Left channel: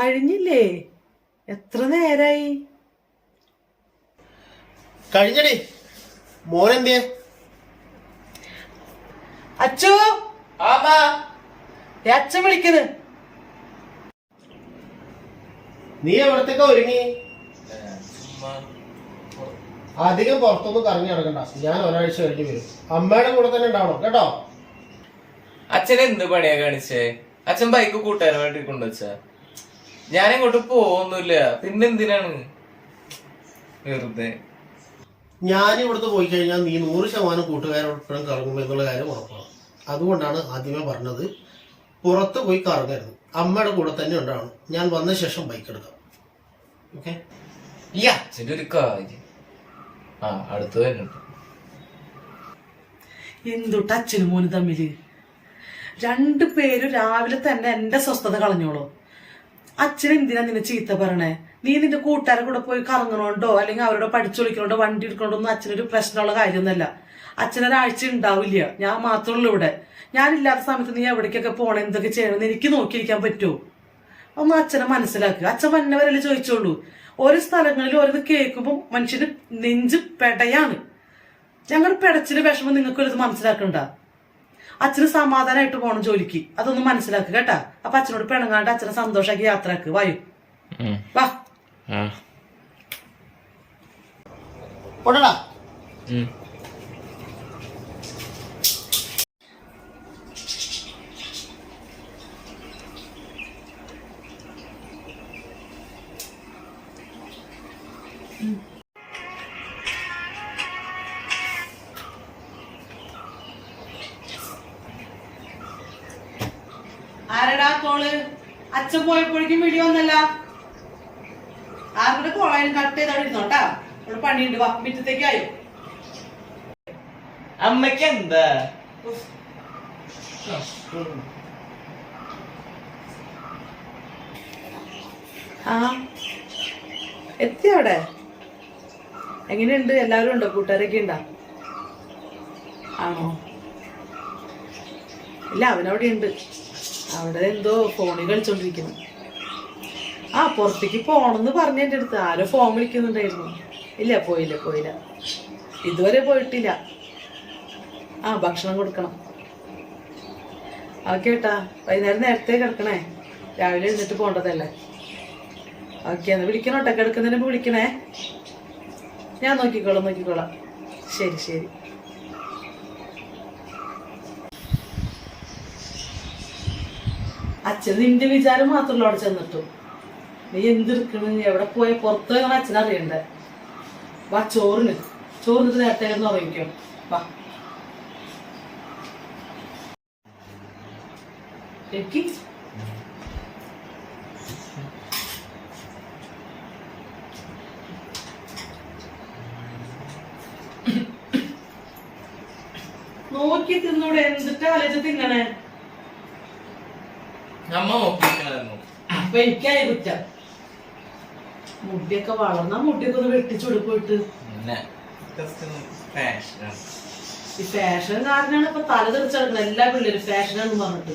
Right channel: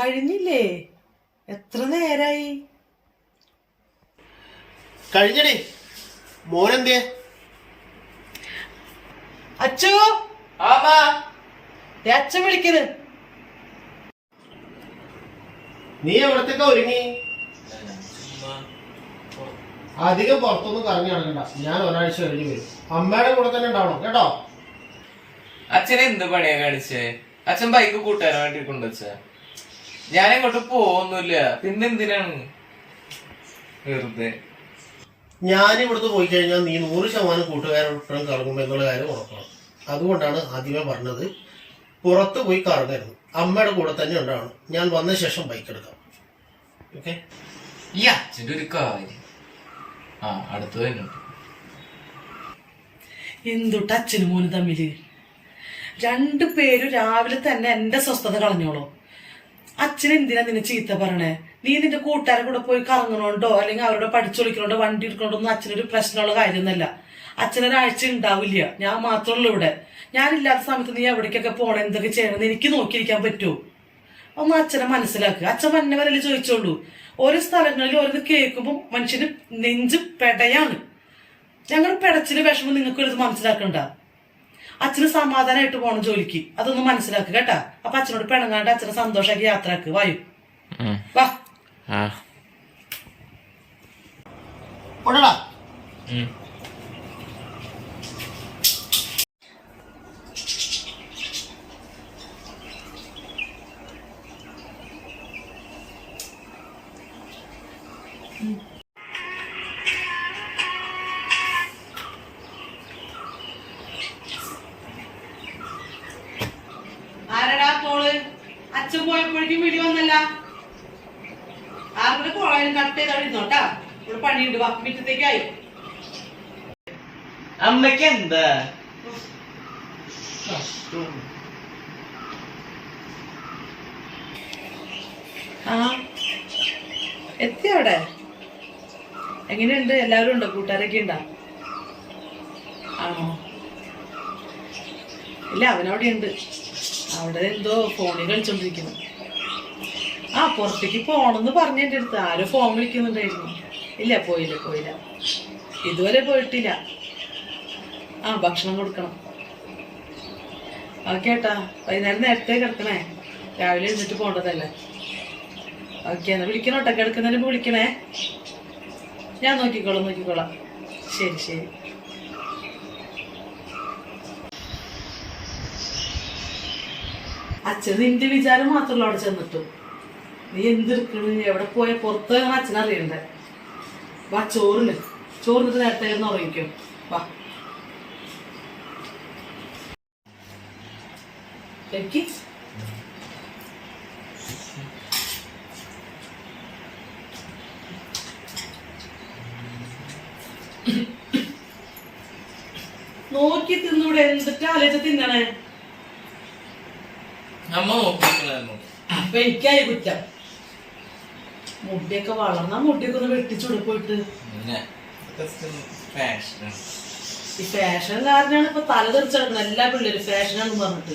കഴിഞ്ഞില്ലേ? എത്ര നേരായി? കഴിഞ്ഞടി. മോനെന്തേ? അച്ചു, അച്ഛൻ വിളിക്കുന്നത്. നീ എവിടത്തേക്കാ ഒരുങ്ങി? അധികം പുറത്തൊന്നും കറങ്ങി നടക്കണ്ട. ഞാൻ ഒരാഴ്ച കഴിഞ്ഞ് വരും. അമ്മയുടെ കൂടെ തന്നെ ഉണ്ടാവണം കേട്ടോ. അച്ഛനെ എന്ത് പണിയാ കാണിച്ചേ? അച്ഛൻ ബൈക്ക് കൂട്ടാൻ വേണ്ടി കൊണ്ടുവച്ച. ഞാനെങ്ങോട്ട് പോവൊന്നുമില്ല. പിന്നെന്തിനാണ് വെറുതെ? ഞാൻ ഇവിടുന്ന് പോയി കഴിഞ്ഞാൽ നീ 100% കൂട്ടുകാരോടൊപ്പം കറങ്ങും എന്നുള്ള കാര്യം ഉറപ്പാണ്. അതുകൊണ്ടാണ് ആദ്യമേ പറഞ്ഞത് പുറത്ത് പോയി കറങ്ങരുത്. അമ്മയുടെ കൂടെ തന്നെ ഉണ്ടാവണം. ഞാൻ വന്ന ശേഷം ബൈക്ക് എടുക്കാം. ഓക്കെ? ഈ അച്ഛൻ്റെ ഒരു കാര്യം. അടുത്ത് വരുന്നുണ്ട്. എന്തുട്ട് അച്ഛനും മോനും തമ്മില്? രണ്ടുപേരും രാവിലെ തന്നെ എന്റെ സ്വസ്ഥത കളഞ്ഞോളൂ. അച്ഛൻ എന്തിനാ നിന്നെ ചീത്ത പറയണേ? നീ നിന്റെ കൂട്ടുകാരെ കൂടെ പോയി കറങ്ങണോണ്ടോ അല്ലെങ്കിൽ അവരോട് പഠിച്ചൊളിക്കണോണ്ടോ വണ്ടി എടുക്കണോണ്ടോ ഒന്നും അച്ഛനൊരു പ്രശ്നമുള്ള കാര്യമൊന്നുമല്ല. അച്ഛനൊരാഴ്ച ഉണ്ടാവില്ല. ഞാൻ മാത്രമുള്ളൂ ഇവിടെ. ഞാനില്ലാത്ത സമയത്ത് നീ എവിടേക്കൊക്കെ പോണേ, എന്തൊക്കെ ചെയ്യണമെന്ന് എനിക്ക് നോക്കിയിരിക്കാൻ പറ്റുമോ? ഒന്ന് അച്ഛനെ മനസ്സിലാക്കുക. അച്ഛൻ വന്നവരല്ലേ ചോദിച്ചോളൂ. ഓരോ സ്ഥലങ്ങളിൽ ഓരോന്ന് കേൾക്കുമ്പോൾ മനുഷ്യന് നെഞ്ച് പെടയാണ്. ഞങ്ങൾ പെടച്ചില് വിഷമം നിങ്ങൾക്കൊരിത് മനസ്സിലാക്കണ്ട. അച്ഛന് സമാധാനമായിട്ട് പോകണം ജോലിക്ക്. അതൊന്നും മനസ്സിലാക്കുക കേട്ടാ. അപ്പൊ അച്ഛനോട് പിണങ്ങാണ്ട് അച്ഛനെ സന്തോഷമാക്കി യാത്രക്ക് വായു. വാ. ആരടാ കോള്? അച്ഛൻ പോയപ്പോഴേക്കും വീഡിയോ വന്നല്ല. ആരുടെ കോളായാലും കട്ട് ചെയ്തവിടെ ഇരുന്നോട്ടാ. ഇവിടെ പണിയുണ്ട്. വാ, മിറ്റത്തേക്കായി. അമ്മയ്ക്ക് എന്താ? എത്തി അവിടെ. എങ്ങനെയുണ്ട്? എല്ലാവരും ഉണ്ടോ? കൂട്ടുകാരൊക്കെ ഉണ്ടോ? ആണോ? ഇല്ല, അവനവിടെ ഉണ്ട്. അവിടെ എന്തോ ഫോണിൽ കളിച്ചോണ്ടിരിക്കുന്നു. പുറത്തേക്ക് പോണെന്ന് പറഞ്ഞ എൻ്റെ അടുത്ത് ആരോ ഫോൺ വിളിക്കുന്നുണ്ടായിരുന്നു. ഇല്ല, പോയില്ല. ഇതുവരെ പോയിട്ടില്ല. ഭക്ഷണം കൊടുക്കണം. കേട്ടാ, വൈകുന്നേരം നേരത്തെ കിടക്കണേ. രാവിലെ എഴുന്നിട്ട് പോണ്ടതല്ലേ. ഓക്കെ, എന്നാ വിളിക്കണോട്ടെ. കിടക്കുന്നതിന് മുമ്പ് വിളിക്കണേ. ഞാൻ നോക്കിക്കോളാം. ശരി. അച്ഛന് നിന്റെ വിചാരം മാത്രമല്ല അവിടെ ചെന്നിട്ടു. നീ എന്തെടുക്കണ്, എവിടെ പോയ പുറത്ത് അച്ഛനറിയണ്ടേ. വാ, ചോറിനിട്ട് നേരത്തെ ഉറങ്ങിക്കോ. വാ. നോക്കി തിന്നൂടെ? എന്തിട്ട് ആലോചിച്ച് തിന്നണേ? അമ്മ നോക്കിയിരിക്കണായിരുന്നു. അപ്പൊ എനിക്കായി കുറ്റം. മുടിയൊക്കെ വളർന്ന മുടിയൊക്കെ ഒന്ന് വെട്ടിച്ചുടുപ്പോയിട്ട്. ഈ ഫാഷൻ കാരനാണ് ഇപ്പൊ തല തെറിച്ചെടുക്കുന്നത് എല്ലാ പിള്ളേരും ഫാഷനാന്ന് പറഞ്ഞിട്ട്.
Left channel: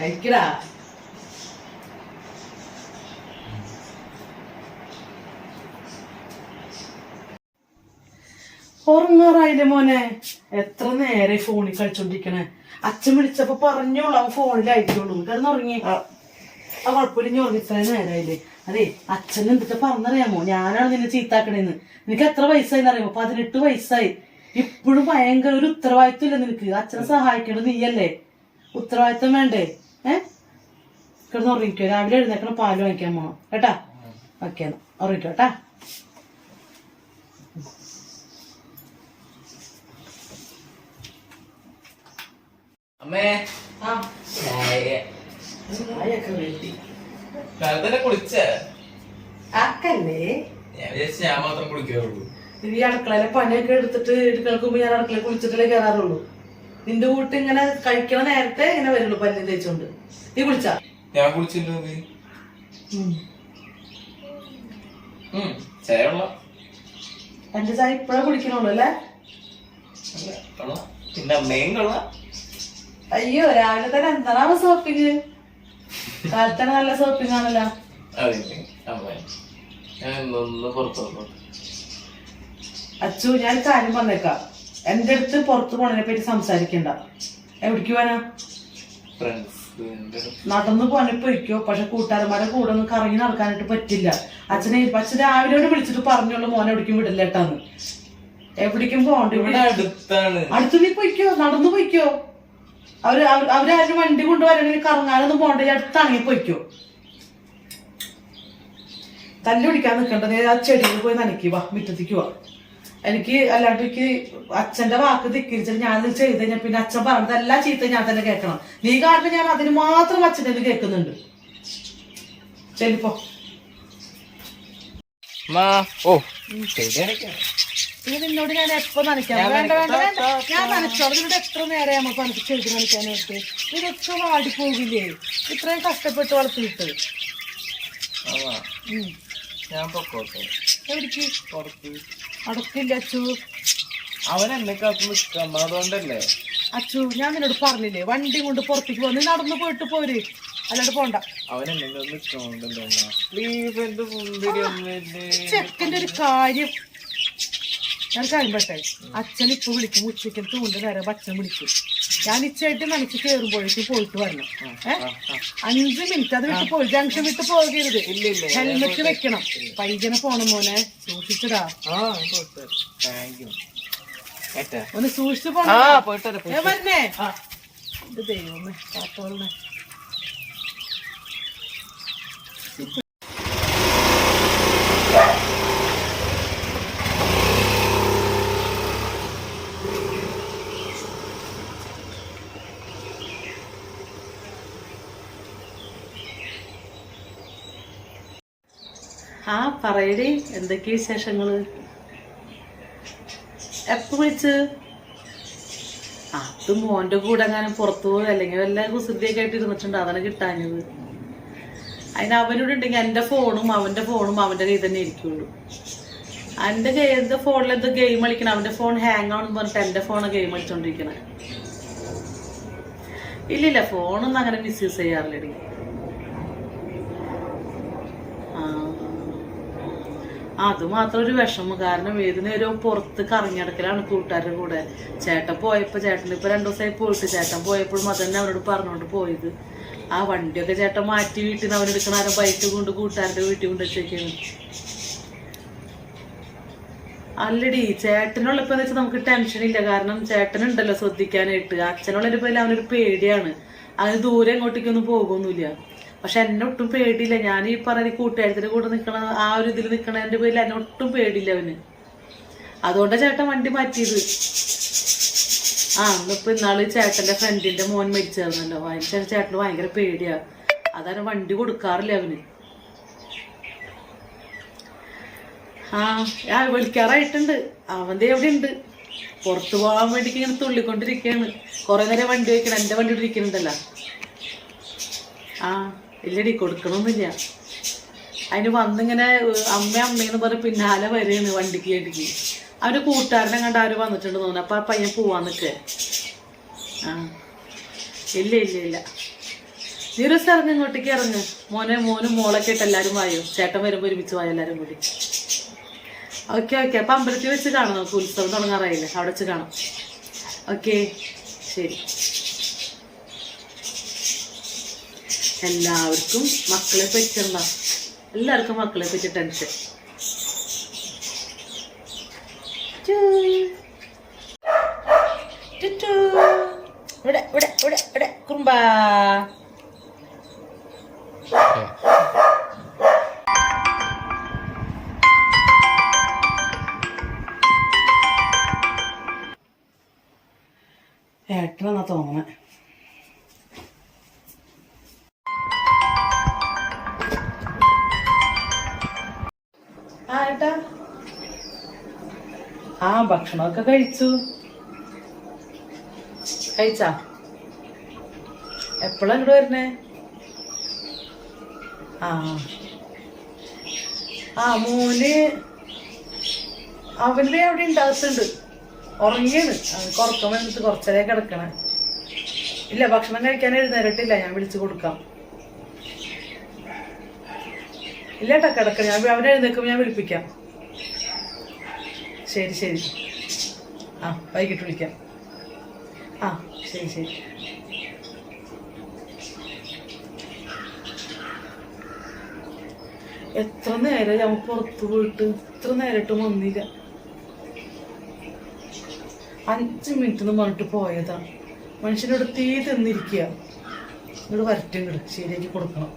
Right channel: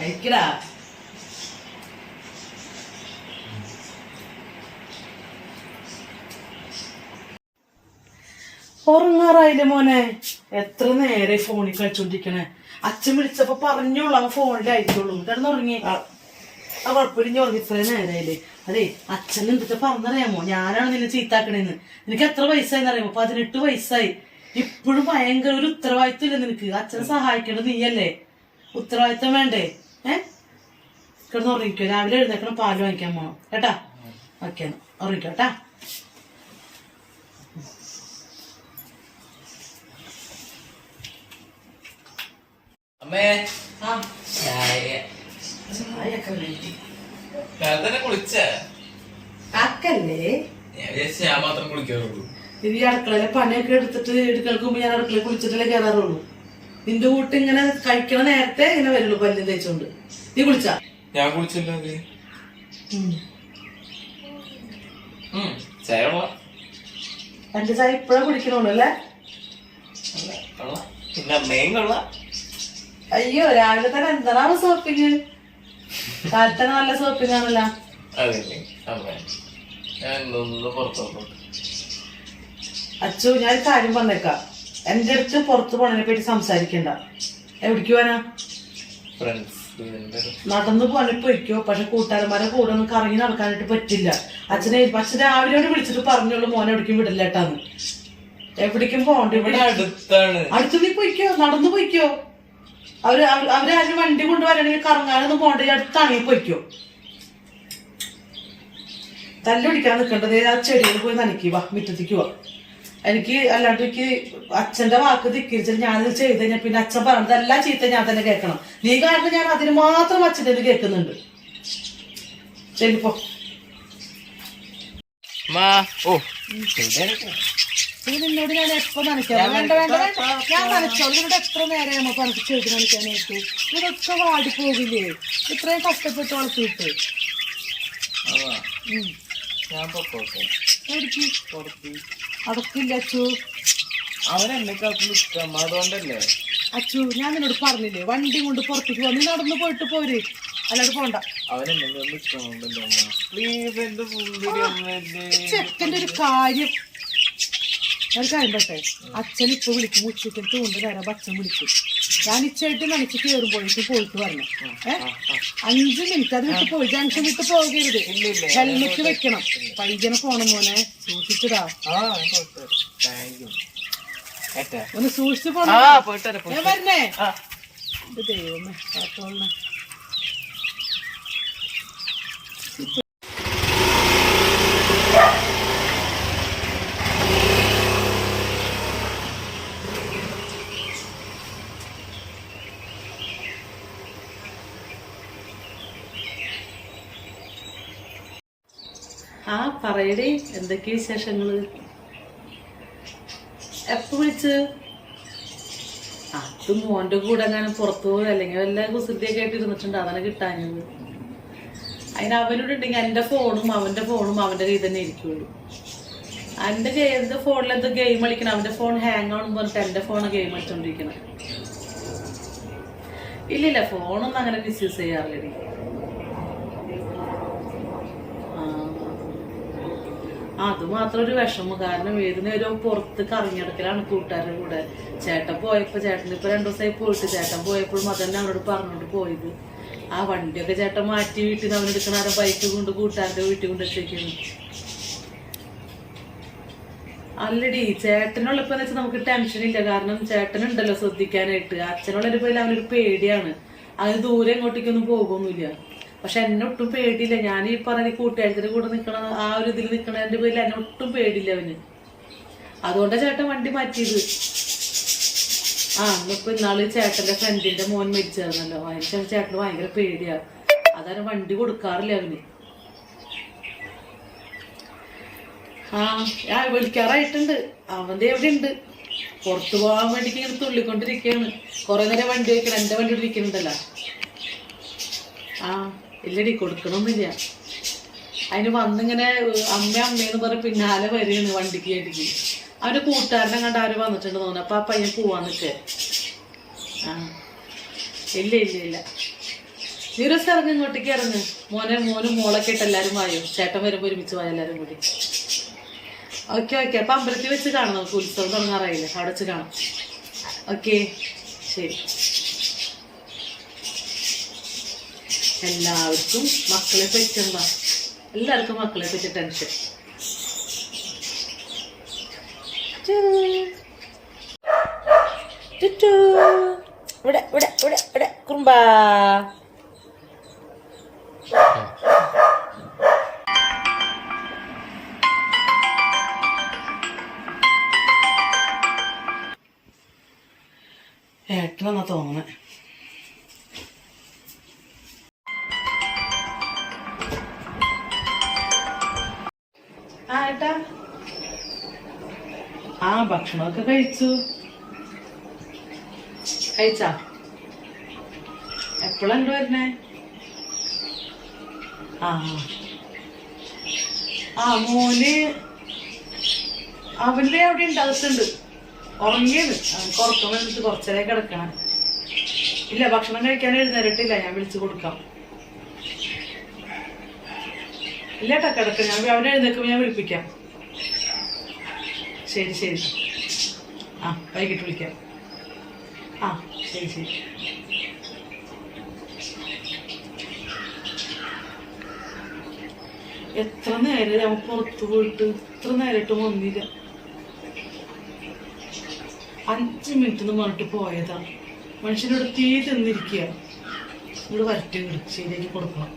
കഴിക്കടാ. ഉറങ്ങാറായില്ലേ മോനെ? എത്ര നേരെ ഫോണിൽ കളിച്ചോണ്ടിരിക്കണേ? അച്ഛൻ വിളിച്ചപ്പോ പറഞ്ഞോളൂ അവൻ ഫോണിലായിരിക്കുള്ളൂ. കിടന്നുറങ്ങി. കുഴപ്പമില്ല, ഇനി ഉറങ്ങി. ഇത്രയും നേരമായില്ലേ? അതെ, അച്ഛൻ എന്തൊക്കെ പറഞ്ഞറിയാമോ? ഞാനാണ് നിന്നെ ചീത്താക്കണേന്ന്. നിനക്ക് എത്ര വയസ്സായിന്ന് അറിയാമോ? 18 വയസ്സായി. ഇപ്പോഴും ഭയങ്കര ഒരു ഉത്തരവാദിത്വം ഇല്ല നിനക്ക്. അച്ഛനെ സഹായിക്കേണ്ടത് നീയല്ലേ. ഉത്തരവാദിത്വം വേണ്ടേ? കിടന്നുറങ്ങിക്കോ. രാവിലെ എഴുന്നേക്കണം, പാല് വാങ്ങിക്കാൻ പോകണം കേട്ടാ. ഓക്കെ, ഉറങ്ങിക്കോ കേട്ടാ. അമ്മേ, കുളിച്ചേ? ഞാൻ വിചാരിച്ചു ഞാൻ മാത്രം കുളിക്കാറുള്ളൂ. ഈ അടുക്കളയിലെ പണിയൊക്കെ എടുത്തിട്ട് എടുക്കൽക്കുമ്പോ ഞാൻ അടുക്കള കുളിച്ചിട്ടല്ലേ കയറാറുള്ളൂ. നിന്റെ വീട്ട് ഇങ്ങനെ കഴിക്കണ നേരത്തെ ഇങ്ങനെ വരുള്ളൂ പല്ലും തേച്ചോണ്ട്. നീ കുളിച്ചാ? ഞാൻ കുളിച്ചില്ലോ. ചായ എന്റെ ചായ ഇപ്പഴാ കുടിക്കണുള്ളൂ അല്ലേ? പിന്നെ അമ്മയും കൊള്ളാം. അയ്യോ രാവിലെ തന്നെ എന്താണ് ഷോപ്പിങ്? കാലത്തന്നെ നല്ല ഷോപ്പിംഗ് ആണല്ലോ. അറിയില്ലേ അമ്മ, ഞാൻ ഇന്നൊന്ന് പുറത്തു വന്നു. അച്ചു ഞാൻ കാര്യം പറഞ്ഞേക്കാം, എന്റെ അടുത്ത് പുറത്തു പോണതിനെ പറ്റി സംസാരിക്കണ്ട. എവിടേക്ക് പോവാനാ? ഫ്രണ്ട്സ് നടന്നു പോകാൻ പോയിക്കോ, പക്ഷെ കൂട്ടുകാരന്മാരെ കൂടെ ഒന്നും കറങ്ങി നടക്കാനായിട്ട് പറ്റില്ല. അച്ഛൻ രാവിലെ വിളിച്ചിട്ട് പറഞ്ഞോളൂ മോനെ എവിടേക്കും വിടില്ലേട്ടാന്ന്. എവിടേക്കും പോകണ്ട, ഇവിടെ അടുത്താണ്. അടുത്ത് നീ പോയിക്കോ, നടന്നു പോയിക്കോ. അവരാരും വണ്ടി കൊണ്ടുവരണെങ്കിൽ കറങ്ങാനൊന്നും പോകണ്ട, അടുത്താണെങ്കിൽ പോയിക്കോ. തല്ലുപിടിക്കാൻ നിൽക്കേണ്ടത് ആ ചെടിയിൽ പോയി നനയ്ക്കുക, മുറ്റത്തേക്ക് പോവാ. എനിക്ക് അല്ലാണ്ട് എനിക്ക് അച്ഛന്റെ വാക്ക് ധിക്കരിച്ചിട്ട് ഞാനിത് ചെയ്ത് കഴിഞ്ഞാൽ പിന്നെ അച്ഛൻ പറഞ്ഞത് എല്ലാ ചീത്ത ഞാൻ തന്നെ കേൾക്കണം. നീ കാരണം ഞാൻ അതിന് മാത്രം അച്ഛൻ്റെ കേൾക്കുന്നുണ്ട്. ചെല്ലിപ്പോ. നിന്നോട് ഞാൻ എപ്പോ നനയ്ക്കാം? വേണ്ട വേണ്ട വേണ്ട, ഞാൻ നനച്ചോളൂ. നിന്നോട് എത്ര നേരം നമുക്ക് ചെടി നനയ്ക്കാനായിട്ട്? ഇതൊക്കെ വാടിപ്പോകില്ലേ ഇത്രയും കഷ്ടപ്പെട്ട് വളർത്തിയിട്ട്? ഞാൻ പൊക്കോട്ടെ. എവിടേക്ക്? പുറത്ത് അടക്കില്ല അച്ചു. അവൻ എന്നെ കാത്തു നിൽക്കാം, അതുകൊണ്ടല്ലേ. അച്ചു ഞാൻ നിന്നോട് പറഞ്ഞില്ലേ വണ്ടി കൊണ്ട് പുറത്തേക്ക് പോ, നീ നടന്നു പോയിട്ട് പോര്, അല്ലാണ്ട് പോണ്ട. അവൻ എന്നെ നിൽക്കണമല്ലോ പ്ലീസ്. എന്റെ സുന്ദരി ചെക്കൻ്റെ ഒരു കാര്യം ഞാൻ കഴിയട്ടെ. അച്ഛൻ ഇപ്പൊ വിളിക്കും, ഉച്ചയ്ക്കൽ തൂണ്ട് നേരം അച്ഛൻ വിളിക്കും. ഞാൻ ഇച്ചായിട്ട് നനച്ച് കയറുമ്പോഴേക്കും പോയിട്ട് വരണം. 5 മിനിറ്റ് അത് വിട്ട് പോയി, ജംഗ്ഷൻ വിട്ട് പോകരുത്. ഹെൽമെറ്റ് വെക്കണം. പൈജന പോണം മോനെ, സൂക്ഷിച്ചതാ. ഒന്ന് സൂക്ഷിച്ചു പോണേ. വരണേ ഇത് ദൈവമേ കാത്തോളണേ. ആ പറയടി, എന്തൊക്കെ വിശേഷങ്ങള്? എപ്പോ വിളിച്ച്? അത് മോന്റെ കൂടെ എങ്ങാനും പുറത്തു പോയി അല്ലെങ്കിൽ വല്ല കുസൃതിയൊക്കെ ആയിട്ട് ഇരുന്നിട്ടുണ്ട്, അതാണ് കിട്ടാഞ്ഞത്. അതിന് അവനോട് ഉണ്ടെങ്കിൽ എൻ്റെ ഫോണും അവൻ്റെ കയ്യിൽ തന്നെ ഇരിക്കുള്ളൂ. എൻ്റെ ഫോണിൽ എന്തോ ഗെയിം കളിക്കണം, അവൻ്റെ ഫോൺ ഹാങ് ആവണമെന്ന് പറഞ്ഞിട്ട് എൻ്റെ ഫോണ് ഗെയിം കളിച്ചോണ്ടിരിക്കണേ. ഇല്ലില്ല, ഫോണൊന്നും അങ്ങനെ മിസ്യൂസ് ചെയ്യാറില്ലടി. അത് മാത്രം ഒരു വിഷമം, കാരണം ഏത് നേരവും പുറത്ത് കറങ്ങിടക്കലാണ് കൂട്ടുകാരുടെ കൂടെ. ചേട്ടൻ പോയപ്പോൾ, ചേട്ടൻ ഇപ്പൊ 2 ദിവസമായി പോയിട്ട്, ചേട്ടൻ പോയപ്പോഴും അതന്നെ അവനോട് പറഞ്ഞോണ്ട് പോയത്. ആ വണ്ടിയൊക്കെ ചേട്ടൻ മാറ്റി വീട്ടിൽ നിന്ന് അവനെടുക്കണ ആരും ബൈക്ക് കൊണ്ട് കൂട്ടുകാരുടെ വീട്ടിൽ കൊണ്ട് വെച്ചേക്കാണ്. അല്ലടി ചേട്ടനുള്ളപ്പോ വെച്ചാൽ നമുക്ക് ടെൻഷൻ ഇല്ല, കാരണം ചേട്ടനുണ്ടല്ലോ ശ്രദ്ധിക്കാനായിട്ട്. അച്ഛനുള്ളതിന്റെ പേരിൽ അവനൊരു പേടിയാണ്, അതിന് ദൂരെ എങ്ങോട്ടേക്കൊന്നും പോകുന്നില്ല. പക്ഷെ എന്നെ ഒട്ടും പേടിയില്ല. ഞാൻ ഈ പറഞ്ഞ കൂട്ടുകാരത്തിന്റെ കൂടെ നിൽക്കണ ആ ഒരു ഇതിൽ നിൽക്കണതിന്റെ പേരിൽ എന്നെ ഒട്ടും പേടിയില്ല അവന്. അതുകൊണ്ടാണ് ചേട്ടൻ വണ്ടി മാറ്റിയത്. ഇന്നിപ്പോ ഇന്നാള് ചേട്ടന്റെ ഫ്രണ്ടിന്റെ മോൻ മരിച്ചായിരുന്നല്ലോ, അതിന് ചേട്ടന് ഭയങ്കര പേടിയാ. അതാണ് വണ്ടി കൊടുക്കാറില്ല അവന്. വിളിക്കാറായിട്ടുണ്ട്. അവന്റെ എവിടെ ഉണ്ട്, പുറത്തു പോകാൻ വേണ്ടിക്ക് ഇങ്ങനെ തുള്ളിക്കൊണ്ടിരിക്കുകയാണ്. കുറെ നേരം വണ്ടി വയ്ക്കണം, എന്റെ വണ്ടി ഇരിക്കുന്നുണ്ടല്ലോ. ഇല്ലടി കൊടുക്കണമെന്നില്ല. അതിന് വന്നിങ്ങനെ അമ്മയെന്ന് പറഞ്ഞ പിന്നാലെ വരെയാണ് വണ്ടിക്ക് വേണ്ടിക്ക്. അവന്റെ കൂട്ടുകാരനെ കണ്ട് ആര് വന്നിട്ടുണ്ട് തോന്നുന്നു. അപ്പൊ ആ പയ്യൻ പോവാൻ നിൽക്കേ. ഇല്ല നീ ഒരു ദിവസം ഇറങ്ങി, ഇങ്ങോട്ടേക്ക് ഇറങ്ങ്. മോനും മോളൊക്കെ ഇട്ട് എല്ലാവരും വായോ, ചേട്ടൻ വരുമ്പോൾ ഒരുമിച്ച് വായോ എല്ലാവരും കൂടി. ഓക്കെ അപ്പൊ അമ്പലത്തിൽ വെച്ച് കാണാം, നമുക്ക് ഉത്സവം തുടങ്ങാറായില്ലേ, അവിടെ വെച്ച് കാണാം. ഓക്കെ ശരി. എല്ലാവർക്കും മക്കളെ പറ്റുന്ന, എല്ലാവർക്കും മക്കളെ പറ്റി ടെൻഷൻ. കുറുമ്പാ ഏട്ടനെന്നാ തോന്നണേ. ഏട്ടാ ഭക്ഷണമൊക്കെ കഴിച്ചാ? എപ്പോഴാ ഇങ്ങോട്ട് വരുന്നേ? മോന് അവന്റെ അവിടെ ഉണ്ടാകത്തുണ്ട്, ഉറങ്ങിയാണ്. അവൻ ഉറക്കം വന്നിട്ട് കുറച്ചേരം കിടക്കണേ. ഇല്ല, ഭക്ഷണം കഴിക്കാൻ എഴുന്നേരട്ടില്ല, ഞാൻ വിളിച്ചു കൊടുക്കാം. ഇല്ല കേട്ടോ, കിടക്ക, ഞാൻ അവനെ എഴുന്നേക്കുമ്പോൾ ഞാൻ വിളിപ്പിക്കാം. ശരി ശരി, ആ വൈകിട്ട് വിളിക്കാം. ആ ശരി ശരി. എത്ര നേരം ഞാൻ പുറത്തു പോയിട്ട്, ഇത്ര നേരിട്ടും വന്നില്ല. 5 മിനിറ്റ് എന്ന് പറഞ്ഞിട്ട് പോയതാ. മനുഷ്യനോട് തീ തിന്നിരിക്കുക. ഇങ്ങോട്ട് വരട്ടെ, ഇങ്ങോട്ട് ശരിയാക്കി കൊടുക്കണം.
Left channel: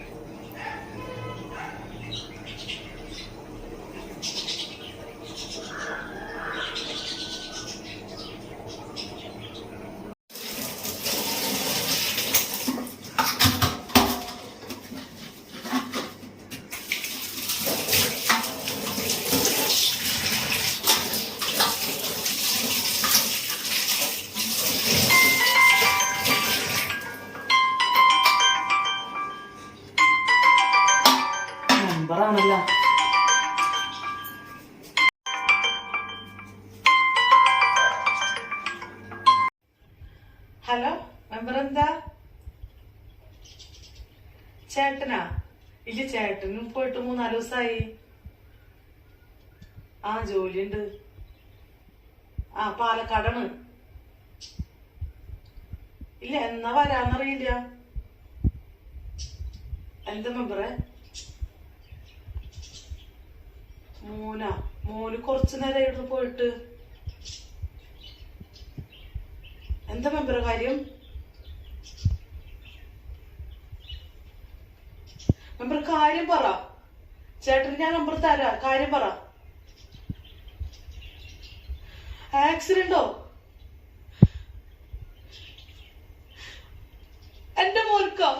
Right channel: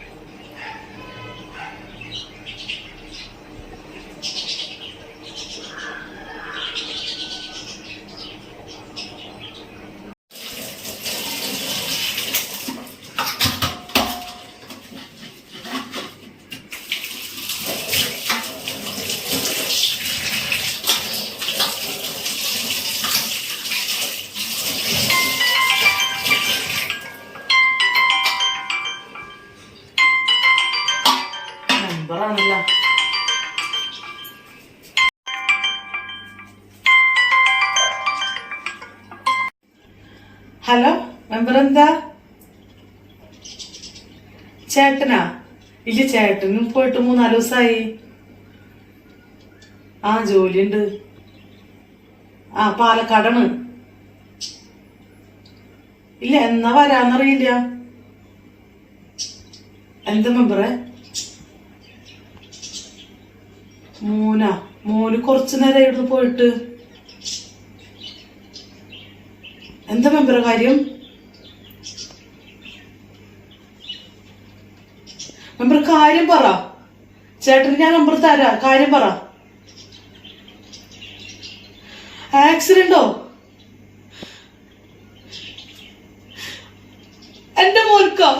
നമ്പറാണല്ലോ. ഹലോ, മെമ്പർ എന്താ? ചേട്ടനാ? ഇല്ല, ചേട്ടനും പോയിട്ട് 3-4 ദിവസമായി. ആ ജോലിയുണ്ട്. ആ പാലക്കാടാണ്. ഇല്ല, എന്നാ വരാന്നറിയില്ല. എന്താ മെമ്പറെ? മോന് കുറച്ചു നേരം ഇവിടുന്ന് പോയിട്ട്. എന്താ മെമ്പറെ കാര്യം? മെമ്പർ കാര്യം പറ. ചേട്ടന് ഞാൻ നമ്പർ തരാ, കാര്യം പറ. ആക്സിഡന്റോ? എന്റെ മോൻക്കോ?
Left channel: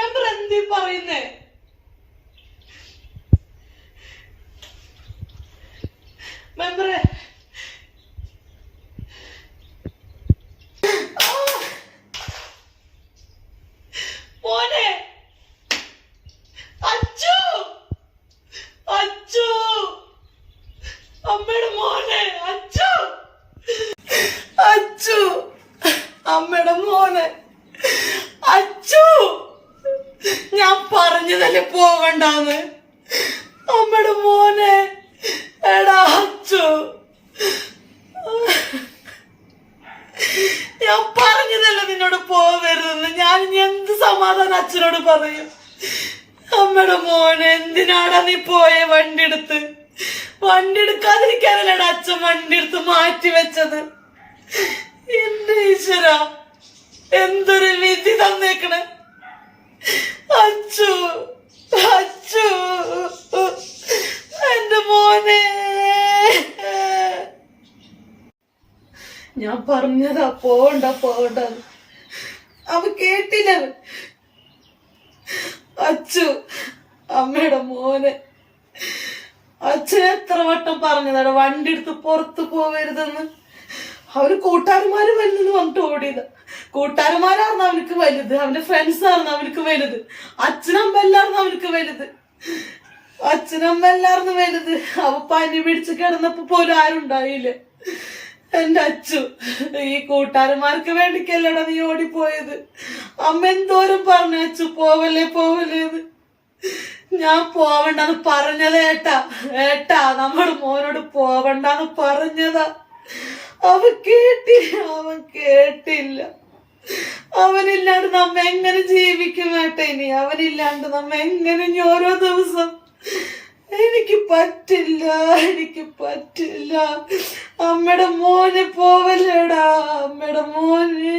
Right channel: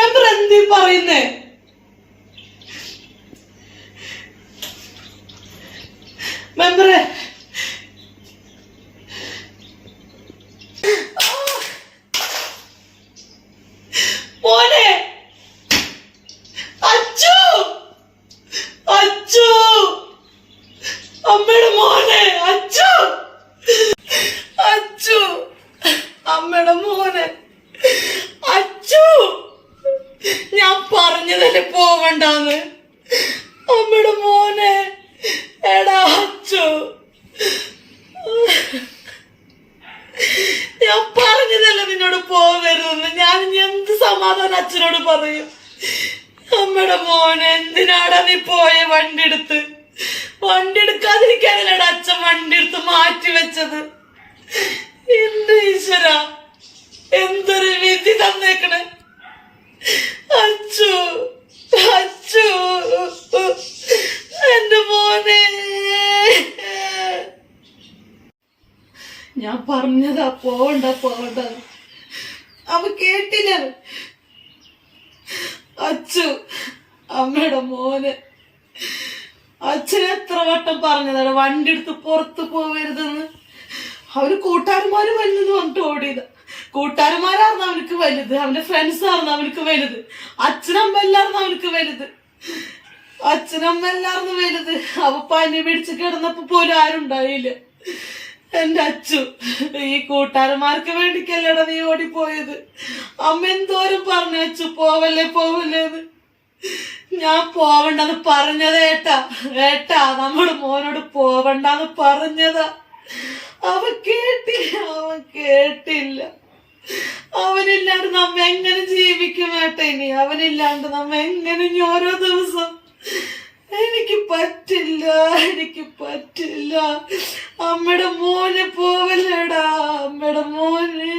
മെമ്പർ എന്തീ പറയുന്നേ? മെമ്പറെ, മോനെ, അച്ചു, അച്ചു, അമ്മയുടെ മോനെ, അച്ചു, അച്ചു, അമ്മയുടെ മോനെ, അച്ചു. ഞാൻ പറഞ്ഞതല്ലേ പോകണ്ടാന്ന്. അമ്മയുടെ മോനെ, എടാ അച്ചു, ഞാൻ പറഞ്ഞതല്ല നിന്നോട് പോകരുതെന്ന്. ഞാൻ എന്ത് സമാധാനം അച്ഛനോട് പറയും? അമ്മയുടെ മോനെ, എന്തിനാടാ നീ പോയെ? വണ്ടി എടുക്കാതിരിക്കാനല്ലേടാ അച്ഛൻ വണ്ടി എടുത്ത് മാറ്റി വെച്ചത്. എന്റെ ഈശ്വര, എന്തൊരു വിധി തന്നേക്കണേ. അച്ചു, അച്ചു, എന്റെ മോനെ. ഞാൻ പറഞ്ഞതാ പോവണ്ട. അവൻ കേട്ടില്ല. അച്ചു, അമ്മയുടെ മോനെ, അച്ഛൻ എത്ര വട്ടം പറഞ്ഞതാണ് വണ്ടി എടുത്ത് പുറത്ത് പോവരുതെന്ന്. അവര് കൂട്ടുകാരന്മാര് വലുതെന്ന് പറഞ്ഞിട്ട് ഓടിയതാ. കൂട്ടുകാരന്മാരായിരുന്നു അവനക്ക് വലുത്, അവന്റെ ഫ്രണ്ട്സ് ആയിരുന്നു അവനക്ക് വലുത്, അച്ഛനമ്മ എല്ലായിരുന്നു അവനക്ക് വലുത്. അവ പനി പിടിച്ച് കിടന്നപ്പോ പോലും ആരുണ്ടായില്ല. എന്റെ അച്ചു, ഈ കൂട്ടുകാരന്മാർക്ക് വേണ്ടിക്കല്ലടാ നീ ഓടിപ്പോയത്. അമ്മ എന്തോരം പറഞ്ഞു അച്ചു, പോവല്ലേന്ന്. ഞാൻ പോവണ്ടെന്ന് പറഞ്ഞതാ ഏട്ടാ, നമ്മുടെ മോനോട് പോവണ്ടെന്ന് പറഞ്ഞതാ. അവൻ കേട്ടില്ല. അവനില്ലാണ്ട് നമ്മ എങ്ങനെ ജീവിക്കും ഏട്ടാ? ഇനി അവനില്ലാണ്ട് നമ്മ എങ്ങനെ ഓരോ ദിവസം? എനിക്ക് പറ്റില്ല. അമ്മയുടെ മോനെ പോവല്ലേടാ, അമ്മയുടെ മോനെ.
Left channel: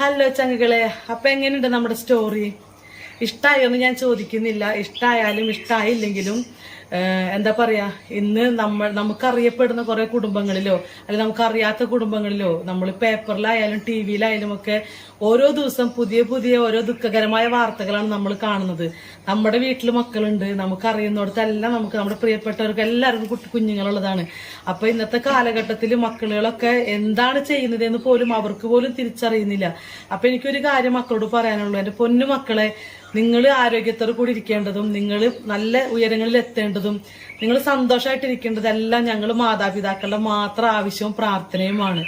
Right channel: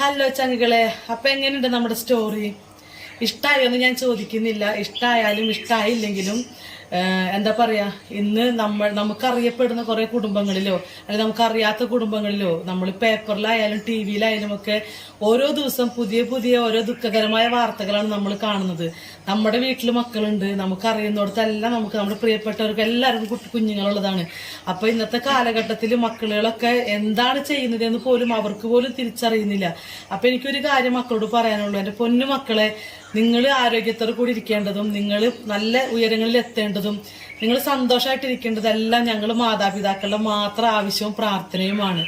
ഹലോ ചങ്ങുകളെ, അപ്പൊ എങ്ങനെയുണ്ട് നമ്മുടെ സ്റ്റോറി? ഇഷ്ടമായോന്ന് ഞാൻ ചോദിക്കുന്നില്ല. ഇഷ്ടമായാലും ഇഷ്ടമായില്ലെങ്കിലും എന്താ പറയാ, ഇന്ന് നമുക്കറിയപ്പെടുന്ന കുറെ കുടുംബങ്ങളിലോ അല്ലെങ്കിൽ നമുക്കറിയാത്ത കുടുംബങ്ങളിലോ നമ്മൾ പേപ്പറിലായാലും TV-യിലായാലും ഒക്കെ ഓരോ ദിവസം പുതിയ ഓരോ ദുഃഖകരമായ വാർത്തകളാണ് നമ്മൾ കാണുന്നത്. നമ്മുടെ വീട്ടിൽ മക്കളുണ്ട്, നമുക്കറിയുന്നിടത്തെല്ലാം നമ്മുടെ പ്രിയപ്പെട്ടവർക്ക് എല്ലാവർക്കും കുഞ്ഞുങ്ങളുള്ളതാണ്. അപ്പൊ ഇന്നത്തെ കാലഘട്ടത്തിൽ മക്കളുകളൊക്കെ എന്താണ് ചെയ്യുന്നതെന്ന് പോലും അവർക്ക് പോലും തിരിച്ചറിയുന്നില്ല. അപ്പൊ എനിക്കൊരു കാര്യം മക്കളോട് പറയാനുള്ളൂ, എന്റെ പൊന്നു മക്കളെ, നിങ്ങൾ ആരോഗ്യത്തോടെ കൂടി ഇരിക്കേണ്ടതും നിങ്ങൾ നല്ല ഉയരങ്ങളിൽ എത്തേണ്ടതും ഇരിക്കേണ്ടതും നിങ്ങൾ സന്തോഷമായിട്ടിരിക്കേണ്ടതെല്ലാം ഞങ്ങൾ മാതാപിതാക്കളുടെ മാത്രം ആവശ്യവും പ്രാർത്ഥനയുമാണ്.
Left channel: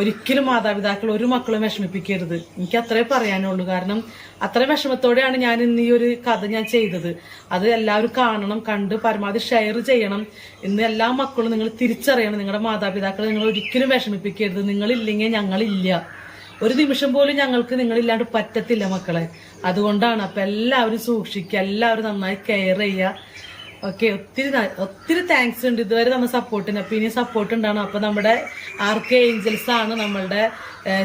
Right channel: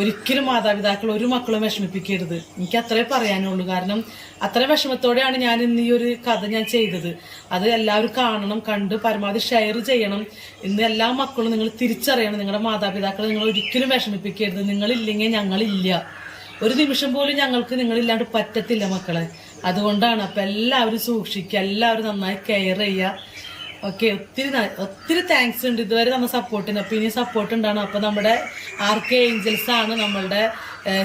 ഒരിക്കലും മാതാപിതാക്കൾ ഒരു മക്കളും വിഷമിപ്പിക്കരുത്. എനിക്ക് അത്രേ പറയാനുള്ളൂ. കാരണം അത്ര വിഷമത്തോടെയാണ് ഞാൻ ഇന്ന് ഈ ഒരു കഥ ഞാൻ ചെയ്തത്. അത് എല്ലാവരും കാണണം, കണ്ട് പരമാവധി ഷെയർ ചെയ്യണം. ഇന്ന് എല്ലാ മക്കളും നിങ്ങൾ തിരിച്ചറിയണം, നിങ്ങളുടെ മാതാപിതാക്കളെ നിങ്ങൾ ഒരിക്കലും വിഷമിപ്പിക്കരുത്. നിങ്ങളില്ലെങ്കിൽ ഞങ്ങളില്ല. ഒരു നിമിഷം പോലും ഞങ്ങൾക്ക് നിങ്ങളില്ലാണ്ട് പറ്റത്തില്ല മക്കളെ. അതുകൊണ്ടാണ്. അപ്പം എല്ലാവരും സൂക്ഷിക്കുക, എല്ലാവരും നന്നായി കെയർ ചെയ്യുക. ഓക്കെ, ഒത്തിരി താങ്ക്സ് ഉണ്ട് ഇതുവരെ തന്ന സപ്പോർട്ടിന്. അപ്പം ഇനി സപ്പോർട്ട് ഉണ്ടാണ്. അപ്പം നമ്മുടെ RK Angels ആണ് നമ്മളുടെ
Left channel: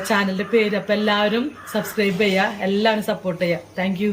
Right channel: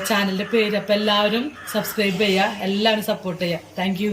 ചാനലിൻ്റെ പേര്. അപ്പം എല്ലാവരും സബ്സ്ക്രൈബ് ചെയ്യുക, എല്ലാവരും സപ്പോർട്ട് ചെയ്യുക. താങ്ക്